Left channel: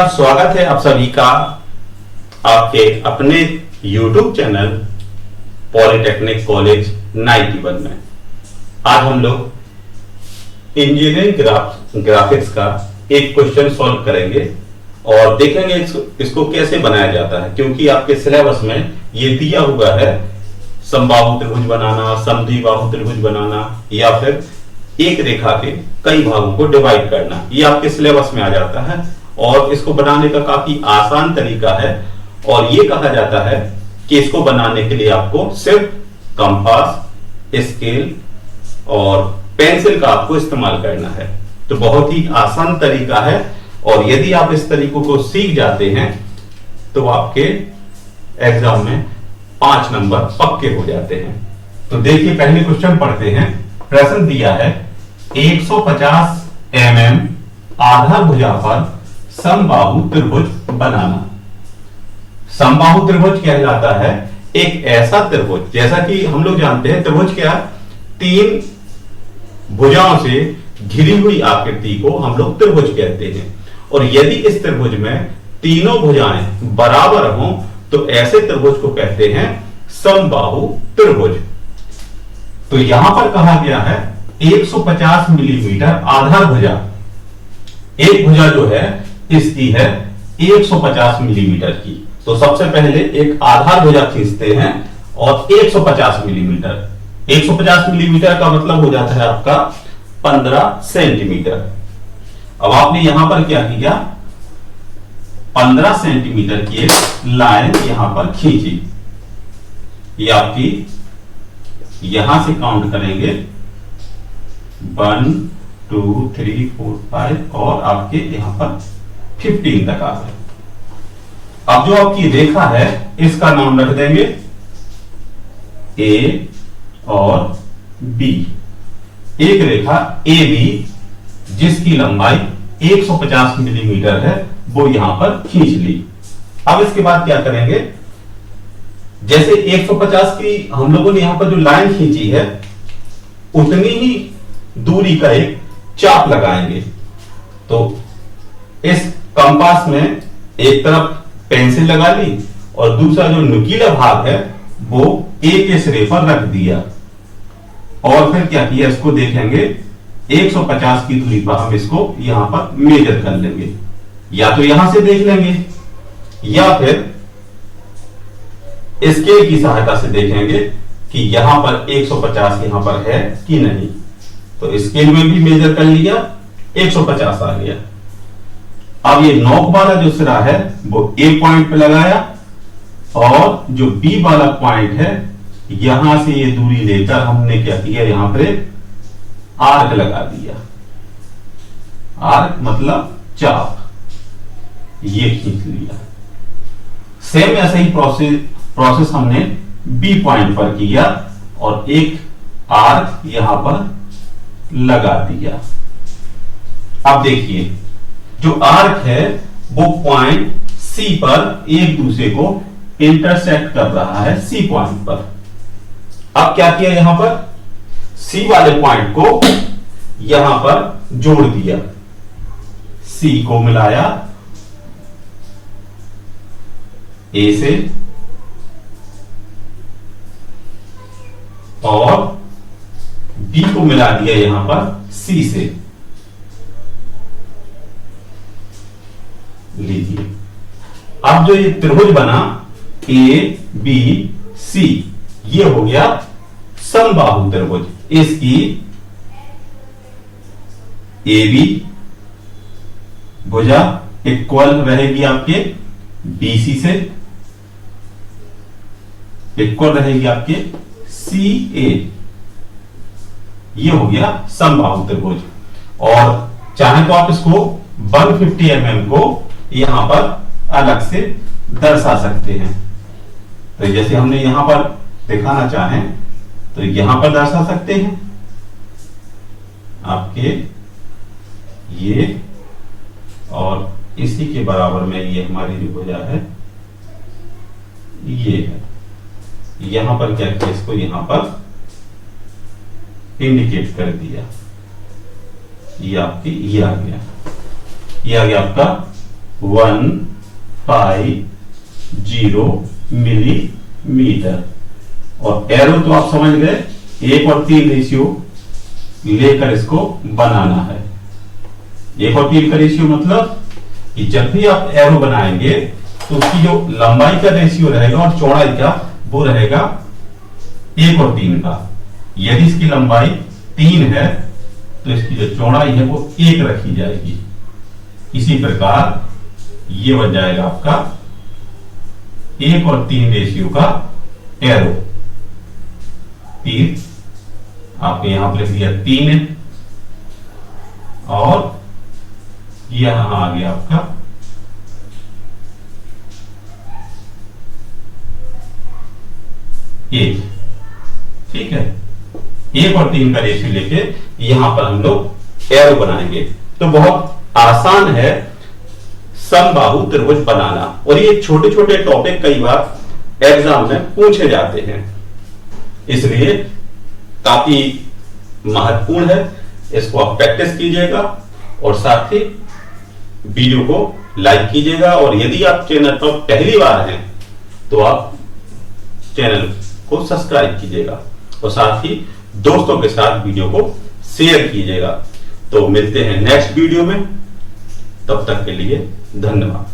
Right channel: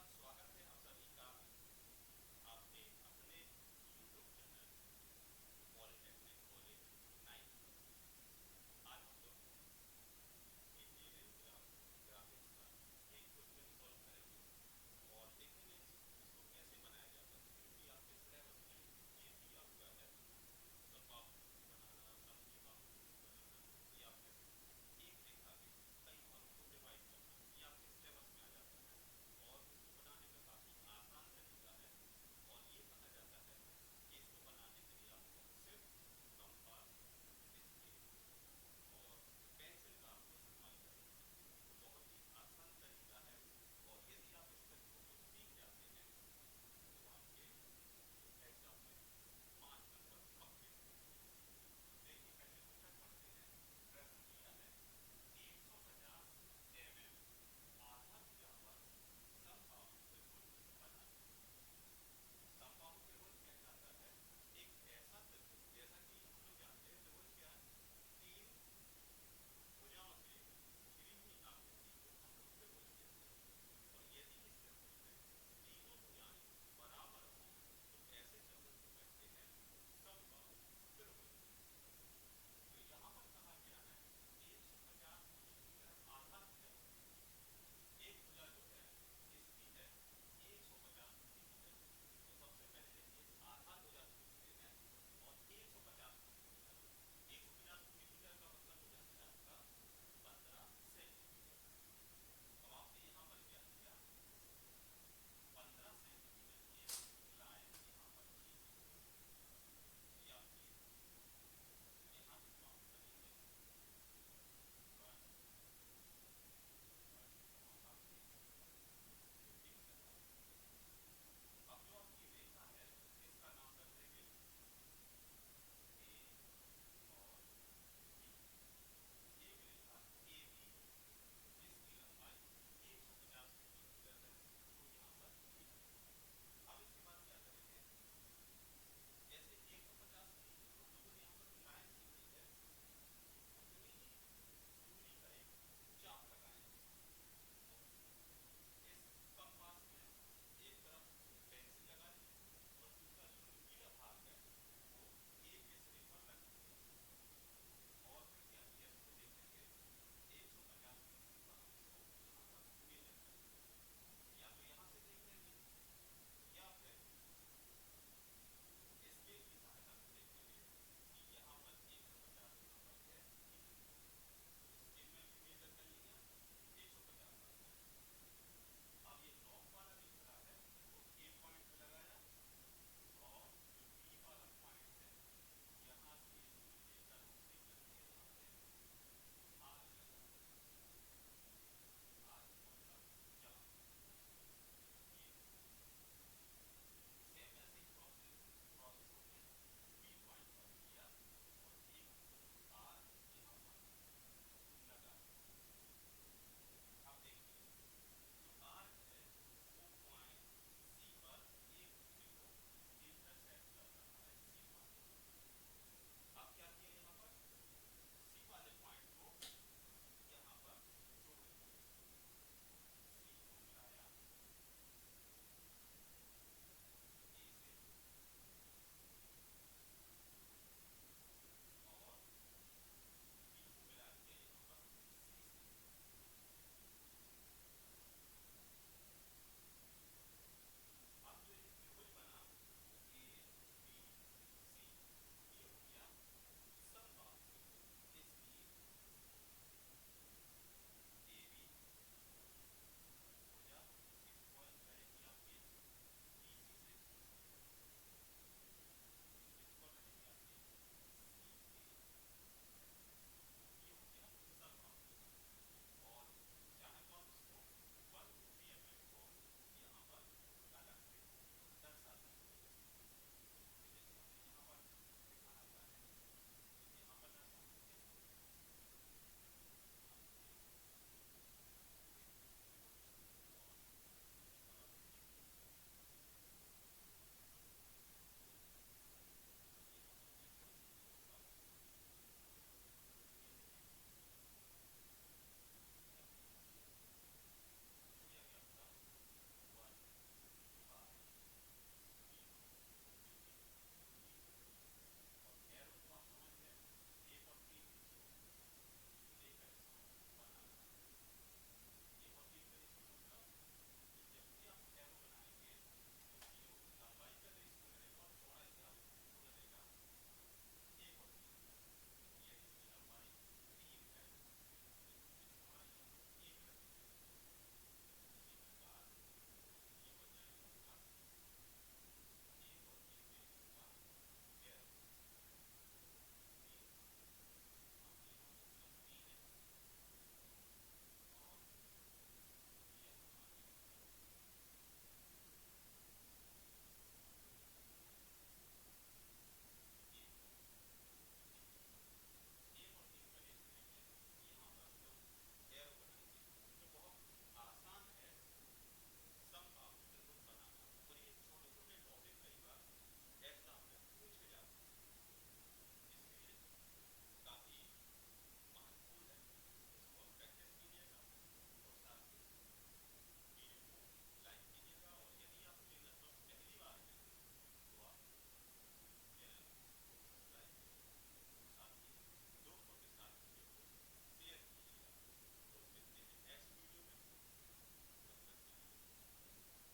नमस्कार, स्वागत है आप सभी का आपके अपने YouTube चैनल पॉलिटेक्निक कॉलेज 91 में। आज हम लोग इंजीनियरिंग ग्राफिक्स का एक क्वेश्चन सॉल्व करेंगे और देखेंगे इसको कैसे बनाया जाता है, क्योंकि आपके सिलेबस में ये दिया हुआ है समबाहु त्रिभुज बनाना, समद्विबाहु त्रिभुज बनाना या फिर एक रेखा के कई भागों को डिवाइड करना। ये आपके सिलेबस में आ जाता है और इसको बनाने का काफी आसान तरीका है और ये कहा जाता है कि इसको बनाने के लिए आपको सिर्फ कंपास, स्केल और पेंसिल का आपको इस्तेमाल करना है। तो बहुत ही आसान तरीका है और यदि आप इस तरीकों को सीख जाते हैं तो आपके एग्जाम में 5 नंबर पक्के हो जाते हैं। तो देखिए, पहले क्वेश्चन पढ़ते हैं। प्रश्न दिया है 150 mm आधार भुजा पर समबाहु त्रिभुज बनाना। समबाहु त्रिभुज कहलाता है एक ऐसा त्रिभुज, जैसा कि हम लोग जानते हैं त्रिभुज क्या, 3 भुजाओं से घिरी हुई आकृति को हम लोग त्रिभुज कहते हैं। और यदि इस त्रिभुज में तीनों भुजाएं बराबर हों तो ऐसे त्रिभुज को कहते हैं समबाहु त्रिभुज। तो यहां पर कहा गया है 150 मिलीमीटर आधार भुजा, एक भुजा जो है इसकी है 150 मिलीमीटर की। तो सबसे पहले एक आधार भुजा खींचते हैं और 150 मिलीमीटर, 150 मिलीमीटर का मतलब हो जाता है आपका 15 सेंटीमीटर। अब आपने यहां पर क्या किया, 15 सेंटीमीटर की एक लाइन यहां पर खींची। ये आपकी यहां से काउंट करेंगे 1 2 3 4 5 और आपके यहां पर 15 तक आ गए। अब जो आपकी रेखा है इसका नाम रख देंगे ए और बी। एक रेखा ए बी जिसकी लंबाई 150 मिलीमीटर है वो यहां पर खींच ली। अब इसके बाद क्या करेंगे, जैसे 150 की हम लोगों ने यहां पर जो लाइन खींची है उतनी ही दूरी का एक चाप लगाएंगे। तो इस कंपास में एक तरफ पेंसिल लगा ली और दूसरा जो नुकीला भाग है वो एक के सिरे पर रख दिया और फिर क्या किया, इसको देखेंगे 150 की दूरी पर हम इसको यहां पर मेजर कर लेंगे। या तो यहां से देख लेंगे या फिर स्केल की सहायता से देखेंगे कि यहां पर 150 यहां पर है कि नहीं। तो स्केल में भी मेजर कर लिया, 150 आ गया। अब ये नोक वाला जो सिरा है वो ए पॉइंट पे लगाया और जो बी वाला पॉइंट है यहां से ये दूरी लेकर हमने क्या किया, यहां पर आर्क लगा दिया। आर्क मतलब चाप, ये खींच लिया। सेम ऐसा ही प्रोसेस हमने बी पॉइंट पर किया और एक आर्क यहां पर लगा दिया। अब देखिए, जो आर्क है वो पॉइंट सी पर एक दूसरे को इंटरसेक्ट कर रहा है, सी पॉइंट पर। अब क्या किया, यहां पर सी वाले पॉइंट को यहां पर जोड़ दिया, सी को मिलाया ए से और बी को मिला दिया यहां पर सी से। लीजिए, अब जो ये त्रिभुज बना ए बी सी, ये हो गया समबाहु त्रिभुज। इसकी ए बी भुजा इक्वल रहेगी आपके बीसी से, इक्वल रहेगी आपके सी ए। ये हो गया समबाहु त्रिभुज। और चाहे तो आप इसको 150 mm को यहां पर अलग से दर्शा सकते हैं। तो जैसे हमने यहां पर दिखाना चाहें तो यहां पर दर्शा सकते हैं आपके ये, और इसी के बराबर में ये हमारी जो भुजा है ये है। यहां पर क्या किया, इसको यहां पर इंडिकेट कर दिया। ये आपकी ये आ गया आपका 150 मिलीमीटर। और एरो तो आप समझ गए, 1 और 3 रेशियो लेकर इसको बनाना है। 1 और 3 का रेशियो मतलब कि जब भी आप एरो बनाएंगे तो उसकी जो लंबाई का रेशियो रहेगा और चौड़ाई का वो रहेगा 1 और 3 का। यदि इसकी लंबाई 3 है तो इसकी जो चौड़ाई है वो 1 रखी जाएगी। इसी प्रकार ये बन जाएगा आपका 1 और 3 रेशियो का एरो। 3 आपने यहां पर लिख दिया 3 और यहां आ गया आपका 1। ठीक है, 1 और 3 का रेशियो लेके यहां पर हम लोग एरो बनाएंगे। तो बहुत आसान है समबाहु त्रिभुज बनाना, और ये छोटे छोटे टॉपिक कई बार एग्जाम में पूछे जाते हैं, इसलिए काफी महत्वपूर्ण है। इसको आप प्रैक्टिस कीजिएगा और साथ ही वीडियो को लाइक कीजिएगा। और यदि आप चैनल पर पहली बार हैं तो आप चैनल को सब्सक्राइब कीजिएगा और साथ ही दोस्तों के साथ वीडियो को शेयर कीजिएगा। तो मिलते हैं नेक्स्ट वीडियो में, तब तक के लिए धन्यवाद।